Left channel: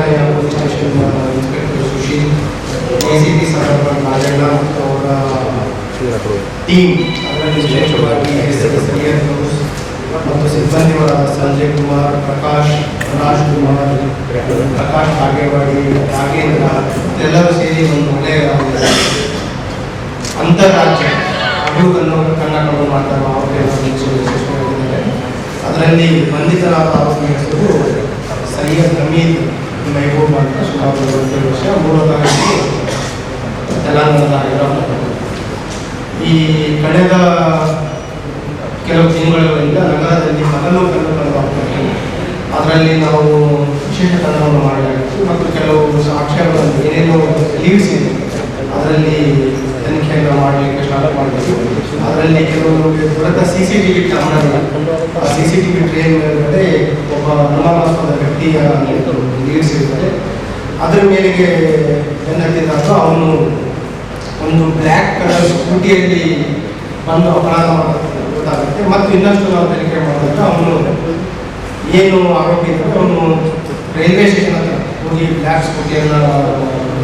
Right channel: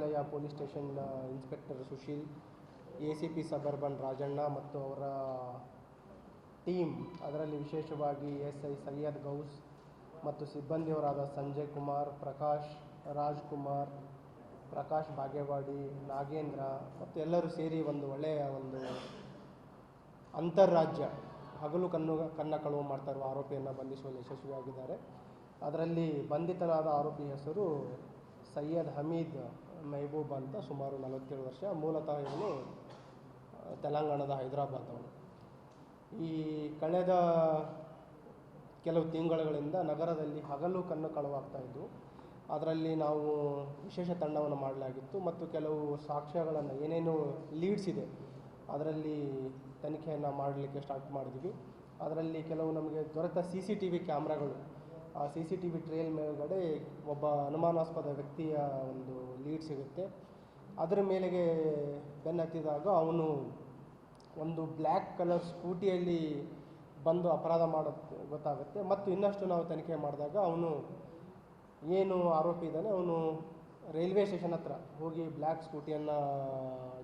ಇಲಾಖೆಯ police station inspector Sushil. D C P Saheb Naganna ಮತ್ತು ಅವರ ಟೀಮ್ ಅದರಲ್ಲಿ ವಿಶೇಷವಾಗಿ ಸರಿಯರ್ ಮತ್ತು ಸಿಬ್ಬಂದಿಗಳ ಸಂಜಯ್ ಕುಮಾರ್, ಪ್ರಕಾಶ್ ರಾಜ್ ಕುಮಾರ್, ಪ್ರಕಾಶ್ ಬಾಗೇವಾಡಿ ನಾಗೇಂದ್ರ ಎಲ್ಲರೂ ಸೇರಿ ಒಂದು ಒಳ್ಳೆಯ ಅಂತಾರಾಜ್ಯ ಅಭಿವೃದ್ಧಿ ಕನ್ನಡಗಳು ಮಾಡ್ತಾರೆ ಅದರಲ್ಲಿ ಬಂಧಿತರಾದ ಅವರ ಹೆಸರು ಸರಿಯಾದ ಕಮ್ಮಿ ಮೆಹಬೂಬ್ ಅಂತ ಸುಮಾರು ವರ್ಷ ವರ್ಷ ತಾರೀಕು ತೆಲಂಗಾಣದ ಈ ಕಳೆದ ಕೆಲವು ತಿಂಗಳುಗಳಿಂದ ನಗರದಲ್ಲಿ ಹಗಲು ಕನ್ನಡವಾಗ್ತದೆ ಅದರಲ್ಲಿ ನಾವು ವಿಶೇಷ ತಂಡವನ್ನು ಮಾಡಲಾಗಿತ್ತು ಮತ್ತು ಕೆಲವು ಸಾಕ್ಷ್ಯಗಳನ್ನು ಏನೇನು ಲೀವ್ಸ್ ಇದೆ ಅದರಲ್ಲಿ ತನಿಖೆಯನ್ನು ಮಾಡಲಿಕ್ಕೆ ಸ್ಟಾರ್ಟ್ ಮಾಡಬೇಕು ಅದರಲ್ಲಿ ಕೆಲವರು ಮೂಲಕ ಸಿ ಸಿ ಟಿ ವಿ ಕ್ಯಾಮ್ರಾಗಳು ಆ C C T V train ಮೇಲೆ ಒಬ್ಬ ಅನುಮಾನಾಸ್ಪದ ವ್ಯಕ್ತಿಯ ಇರ್ತದೆ. ಅದರ ಮೇಲೆಗೆ ಬೆನ್ನತ್ತಿದಾಗ ಅವನು ಒಂದು ಬ್ಲ್ಯಾಕ್ ಕಲರ್ ಸ್ಕೂಟಿಯಲ್ಲಿ ಬಂದು ಅಪರಾಧ ಮಾಡೋದು ಗೊತ್ತಾಗುತ್ತೆ. ಮತ್ತು ಇನ್ನಷ್ಟು ನಾವು ತನಿಖೆ ಮಾಡಿದಾಗ ಅವನು ಏನು ಆರೋಪಿ ಅಂದರೆ ಅವನು ರೈಲ್ವೆ ಸ್ಟೇಷನ್ ಹತ್ರ ಹೋಗಿ ಬ್ಲ್ಯಾಕ್ ಸ್ಕೂಟಿಯನ್ನು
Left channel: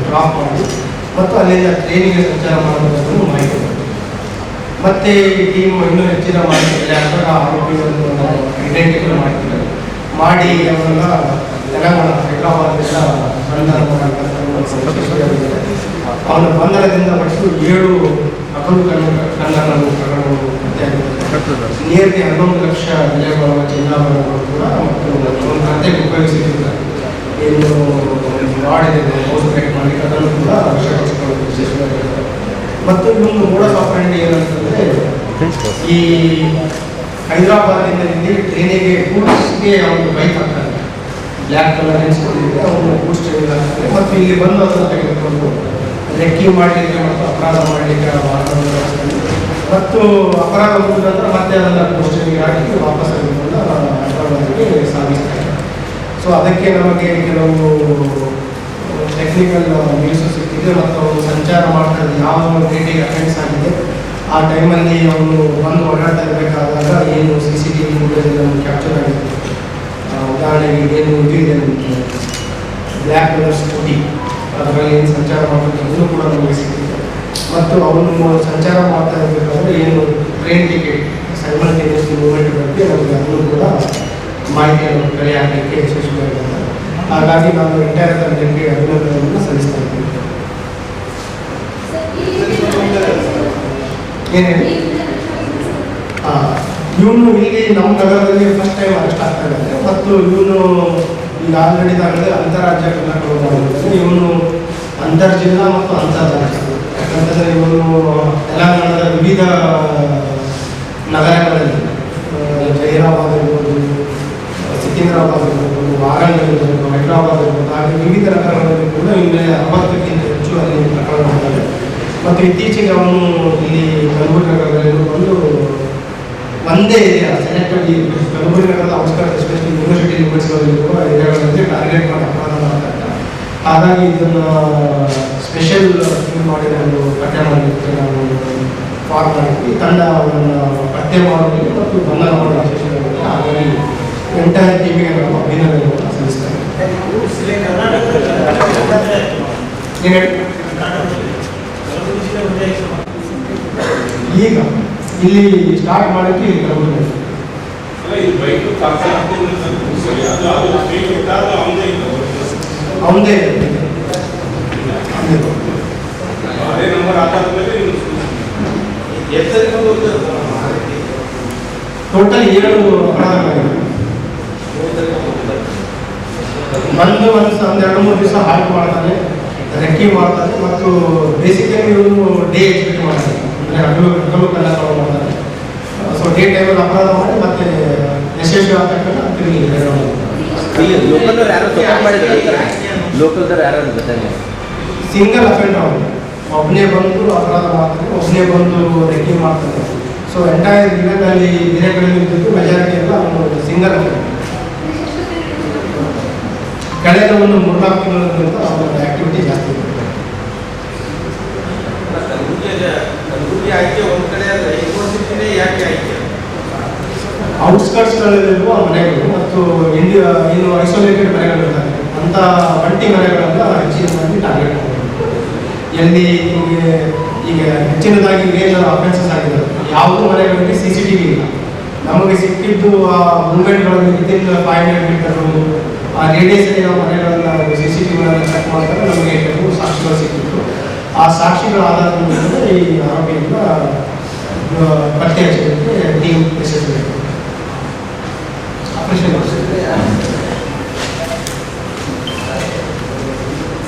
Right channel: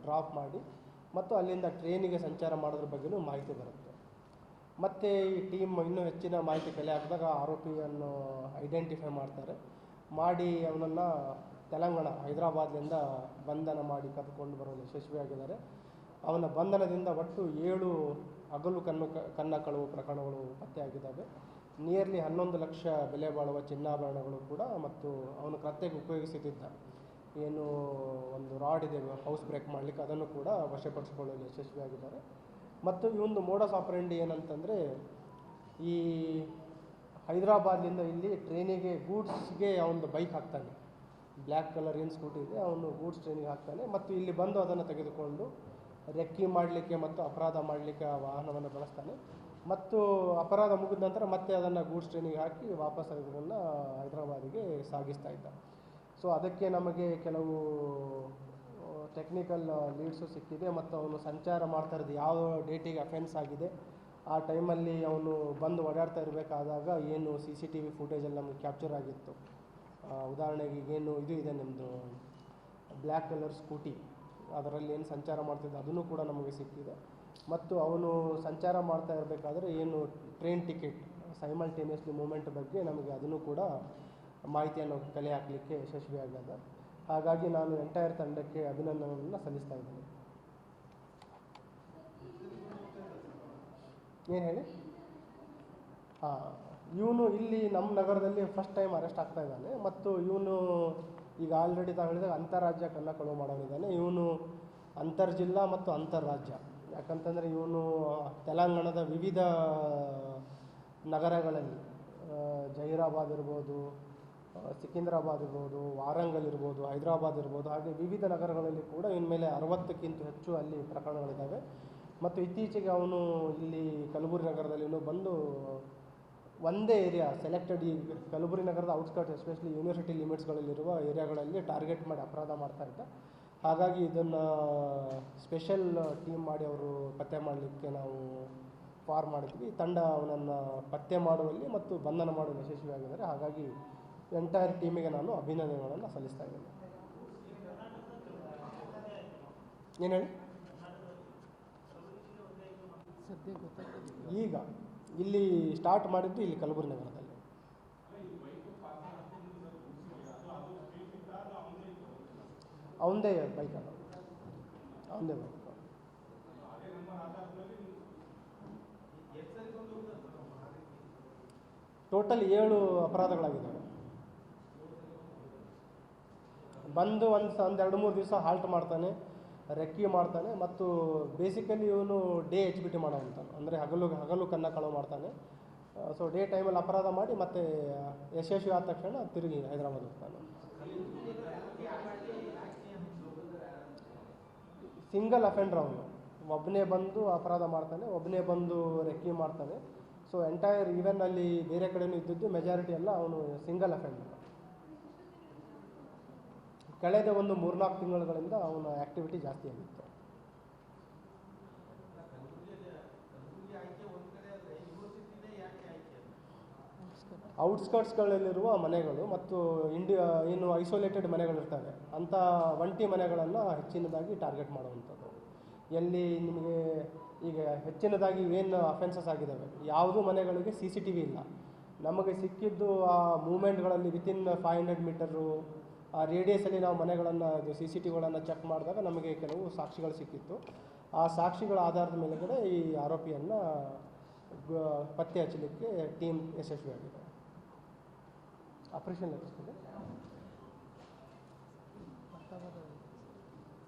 ಡ್ರಾಪ್ ಮಾಡಿ, ಮತ್ತು ಅಲ್ಲಿಂದ ಟ್ರೈನಿಗೆ ಸಂಚಾರ ಮಾಡೋದನ್ನು ಮಾಹಿತಿ. ಮತ್ತೆ ಈ ಟೀಮ್ ಇನ್ನೂ ಹೆಚ್ಚಿನ ಮಾಹಿತಿ ಆದಾಗ ಆರೋಪಿಗಳನ್ನು ಐಡೆಂಟಿಫೈ ಮಾಡ್ತಿದ್ದಾರೆ ಮಾಡಿ ಅವನ್ನ ತೆಲಂಗಾಣ ಹೈದರಾಬಾದ್ನಿಂದ ಅವನ ಬಂಧನದಿಂದ ಪಟ್ಟು ಏಳು ಹಗಲು ಕನ್ನಡ ಕನ್ನಡಗಳು ಪ್ರಕರಣಗಳು ನಿಯರ್ಲಿ ಹನ್ನೊಂದು ಲಕ್ಷ ಬೆಲೆ ಬಾಳುವ ಚಿನ್ನಾಭರಣಗಳು ಕೂಡ ಮತ್ತು ಒಂದು ಕತೆಗೆ ಉಪಯೋಗಿಸಿದ್ದಾರೆ. ಏನು ಮಾಡಿದೆ ಅದನ್ನು ಕೂಡ ಯಶಸ್ವಿಯಾಗಿದ್ದಾರೆ ಮತ್ತು ಇನ್ನೊಂದು ಏನಂತಂದರೆ ಈ ಹೈದರಾಬಾದಿಂದ ಇಲ್ಲಿ ಟ್ರೈನಿಗೆ ಗೂಡ್ಸ್ಗೆ ಅವನು ಬೈಕ್ ಹಾಕ್ತಾನೆ ಬ್ಲ್ಯಾಕ್ ಕಲರ್ ಎನ್ಸ್ಕೊಂಡಿದ್ರೆ ಅವನು ಗೂಡ್ಸ್ ಟ್ರೈನ್ ಹಾಕ್ತಾನೆ ಮತ್ತು ಇಲ್ಲಿ ಬಂದು ಅದನ್ನು ತೆಗೆದುಕೊಂಡು ರೆಕ್ಕಿ ಮಾಡಲಿಕ್ಕೆ ಮತ್ತು ಅಪರಾಧ ಮಾಡಲಿಕ್ಕೆ ಮತ್ತು ಅಪರಾಧ ಮುಗಿದ ನಂತರ ಮತ್ತೆ ಅದನ್ನು ಗೂಡ್ಸ್ ಟ್ರೈನಿಗೆ ಹಾಕಿ ವಾಪಸ್ ತೆಗೆದುಕೊಂಡು ಸಾಧಿಸ್ತಾ ಸಾಗಿಸ್ತಾರೆ. ಸೊ ಅದಕ್ಕೆ ನಮಗೆ ಕೆಲವು ಟೆಕ್ನಿಕಲ್ ನ್ಯೂಸು ಸಿಕ್ಕಿದೆ ಮತ್ತು ಅವರು ಸಂಚಾರ ಮಾಡ್ತಾ ಇದ್ದ ಯಾವ ಡೇಟಿಗೆ ಅಟೆಂಡ್ಸ್ ಆಗಿದೆ ಆ ಟೈಮಲ್ಲಿ ಅವನು ಬಂದು ಓಡಾಡ್ತಾ ಇರಬೇಕಾದಾಗ ಏನು ಸಿ ಸಿ ಟಿ ವಿ ನಮ್ಗೆ ಕ್ಯಾಪ್ಚರ್ ಆಗಿದೆ ಉದಾಹರಣೆಗೆ ಏನು ಇದು ಇದೆ ನಮಗೆ ಬ್ಲ್ಯಾಕ್ ಕಲರ್ ಸ್ಕೂಟಿ ಅದರಲ್ಲಿ ಏನು ಸಂಚಾರ ಮಾಡಬೇಕು ಅದನ್ನು ಕೂಡ ನಮಗೆ ಸಿಗುತ್ತೆ. ಮತ್ತು ಅವನು ಸಂಚಾರ ಮಾಡ್ತಾ ಇರಬೇಕಾದ್ರೆ ಏನು ಟ್ರೈನ್ ಟಿಕೆಟ್ ಸೈಮಲ್ಟೇನಿಯಸ್ ಮೂವ್ಮೆಂಟ್ ಬಗ್ಗೆ ನಮಗೆ ಅದನ್ನು ಕೂಡ ಮಾಹಿತಿಯನ್ನು ಕಲೆ ಹಾಕಲಿಕ್ಕೆ ಯಶಸ್ವಿಯಾಗಿದೆ ಹಾಗಾಗಿ ನಾನು ಎಂಟೈರ್ ಜನರಿಗೆ ಅಭಿನಂದನೆಯನ್ನು ಏನು ಹೇಳಿ ಇವನು ಇಲ್ಲಿ ನಮ್ಮ ನಗರದಲ್ಲಿ ಫಸ್ಟ್ ಟೈಮ್ ಅರೆಸ್ಟ್ ಆಗ್ತಾ ಇದ್ದಾರೆ ಮತ್ತು ಇವನು ಈಗ ಆಲ್ರೆಡಿ ತಾಗಲೇ ಅಂತಾರಾಜ್ಯ ಕರ್ನಾಟಕ ಇವನು ಅಂತರ್ಜಿಲ್ಲಾ ಮತ್ತು ಅಂತರ್ ಯಾಕಂತಂದರೆ ಇವನು ತೆಲಂಗಾಣದ ವಿವಿಧ ನಗರಗಳಲ್ಲಿ ಜೈರಾಬಾದ್ ಇರ್ಬೋದು, ಸಿಕಿಂದ್ರಾಬಾದ್ ಇರ್ಬೋದು, ವಾರಂಗಲ್ ಇರ್ಬೋದು, ಹೈದರಾಬಾದ್ ಇರ್ಬೋದು, ಹಾಗೆ ವಿವಿಧ ನಗರಗಳಲ್ಲಿ ಕೂಡ ಇಲ್ಲಿ ಅರವತ್ತಕ್ಕಿಂತ ಹೆಚ್ಚು ಅಲ್ಲಿ ಪ್ರಕರಣಗಳಿದ್ದಾವೆ ಮತ್ತು ಇತ್ತೀಚೆಗೆ ಅವನು ಇಲ್ಲಿ ಕಲಬುರಗಿ ಒಂದು ಬಂದು ಒಂದೇ ಏರಿಯಾ ಸೆಲೆಕ್ಟೆಡ್ ಈ ಕಲಬುರಗಿ ನಗರದ ಔಟ್ಸ್ಕರ್ಟ್ ಎಸ್ಪೆಷಲಿ ಯೂನಿವರ್ಸಿಟಿ ಯೂನಿವರ್ಸಿಟಿಗಳಿರುವ ಏರಿಯಾಗಳಂತೆ ಟಾರ್ಗೆಟ್ ಮಾಡಿ ಅಪರಾಧ ಮಾಡ್ತಾ ಇದ್ದಾರೆ. ಹಾಗಾಗಿ ಇದನ್ನು ಸ್ಪೆಷಲ್ ಥಿಂಗ್ ಮಾಡಿ ಒಂದು ಪಠ್ಯ ಮಾಡಲಿಕ್ಕೆ ನಾವು ಫಾರ್ಮ್ ಮಾಡಿದ್ವಿ ತಂಡ ಅವರನ್ನು ಪತ್ತೆ ಮಾಡುವಲ್ಲಿ ಮತ್ತು ಬಂಧನ ಮಾಡುವ ಸ್ಪೆಷಲ್ ಹಾಗಾಗಿ ಎಂಟೈರ್ ಟೀಮಿಗೆ ನಾವು ಅಭಿನಂದನೆಗಳನ್ನು ಸಲ್ಲಿಸ್ತೇವೆ ಏನು ಹೇಳಿ. ಈಗ ಇಲ್ಲಿ ಸ್ಟಾರ್ಟ್ ಮಾಡೋಕ್ಕೆ ಕಲಬುರಗಿ ಅವನದೇ ಟೋಟಲ್ ಏಳು ಬಂದು ಒಂದು ಒಂದು ಎರಡು ಮೂರು ದಿವಸ ಹಾಲ್ಟ್ ಮಾಡ್ತಾರೆ ರೆಕ್ಕಿ ಮಾಡ್ತಾರೆ ಮತ್ತು ಬೇಸಿಕಲಿ ಇವರು ಡೇ ಎಕ್ಸ್ಪೆಕ್ಟ್ ಮಾಡ್ತಾನೆ. ಅಂದರೆ ಹಗಲು ಸೊ ಡೇ ಟೈಮಲ್ಲಿ ಅಪರಾಧ ಮಾಡಿ ಮತ್ತೆ ಯಶಸ್ವಿ ಆಗ್ತಕ್ಕಂಥ ತಿರುಗಿ ಇಲ್ಲಿ ಲೋಕಲ್ದವ್ರು ಯಾರು ಸಪೋರ್ಟ್ ಮಾಡಿದ್ರೆ ಲೋಕಲ್ದವ್ರು ಯಾರು ಸಿಂಗಲ್ ಅಫೆಂಡ್ ಅವನು ಒಬ್ಬನೇ ಬಂದು ಅಪರಾಧ ಮಾಡ್ತಾರೆ ಒಬ್ಬನೇ ಬಂದು ರೆಕ್ಕಿ ಮಾಡ್ತಾರೆ. ಸೊ ಎಂಟೈರ್ ದಿನದಲ್ಲಿ ದಿನಗಳಲ್ಲಿ ಇದ್ದದ್ದು ಮೆಜಾರಿಟಿ ಎಲ್ಲ ಅವನು ಸಿಂಗಲ್ ಅಫೆಂಡ್ ಕಳೆದ ಒಂದು ಮೂರ್ನಾಲ್ಕು ತಿಂಗಳಿಂದ ಅವನ ಆಕ್ಟಿವಿಟಿ ಜಾಸ್ತಿ ಇದೆ ಆಯ್ಕೆ ಒಂದ್ ಕಡೆ ಔಟ್ಸ್ಕರ್ಟ್ಸ್ಗಳಲ್ಲಿರುವ ಮನೆಗಳು ಮತ್ತು ಇಂಡಿಯಾ ಏನು ಐಸೋಲೇಟೆಡ್ ಮನೆಗಳಿರ್ತವೆ ಅಂತ ಒಂಟಿ ಮನೆಗಳನ್ನು ಹೆಚ್ಚಿನದಾಗಿ ಟಾರ್ಗೆಟ್ ಮಾಡಬೇಕು ಎಲ್ಲಿ ನಿಮಗೆ ಈಗ ಹೆಚ್ಚಿನದಾಗಿ ಮೇಜರ್ ಅಫೆನ್ಸಸ್ ಆಗಿದೆ ಯಾವುದೂ ಮನೆಗಳಲ್ಲಿ ಸಿ ಸಿ ಟಿ ವಿ ಇಲ್ಲ. ನಮಗೆ ಸಿಕ್ಕಿದ್ದು ಆ ಮೂಮೆಂಟ್ಗಳನ್ನು ವಿತಿನ್ ಫೈವ್ ಹಂಡ್ರೆಡ್ ಮೀಟರು ಆ ರೇಡಿಯಸ್ ಮನೆಗಳನ್ನು ಸಿ ಸಿ ಟಿ ವಿಗಳನ್ನು ಚೆಕ್ ಮಾಡಿದಾಗ ನಮಗೆ ಸಾಕ್ಷಿಗಳು ಸಿಕ್ಕಿತ್ತು ಆ ಸಾಕ್ಷಿಗಳ ಆಧಾರದ ಮೇಲೆ ಈ ಆರೋಪಿಯಿಂದ ಪತ್ತೆ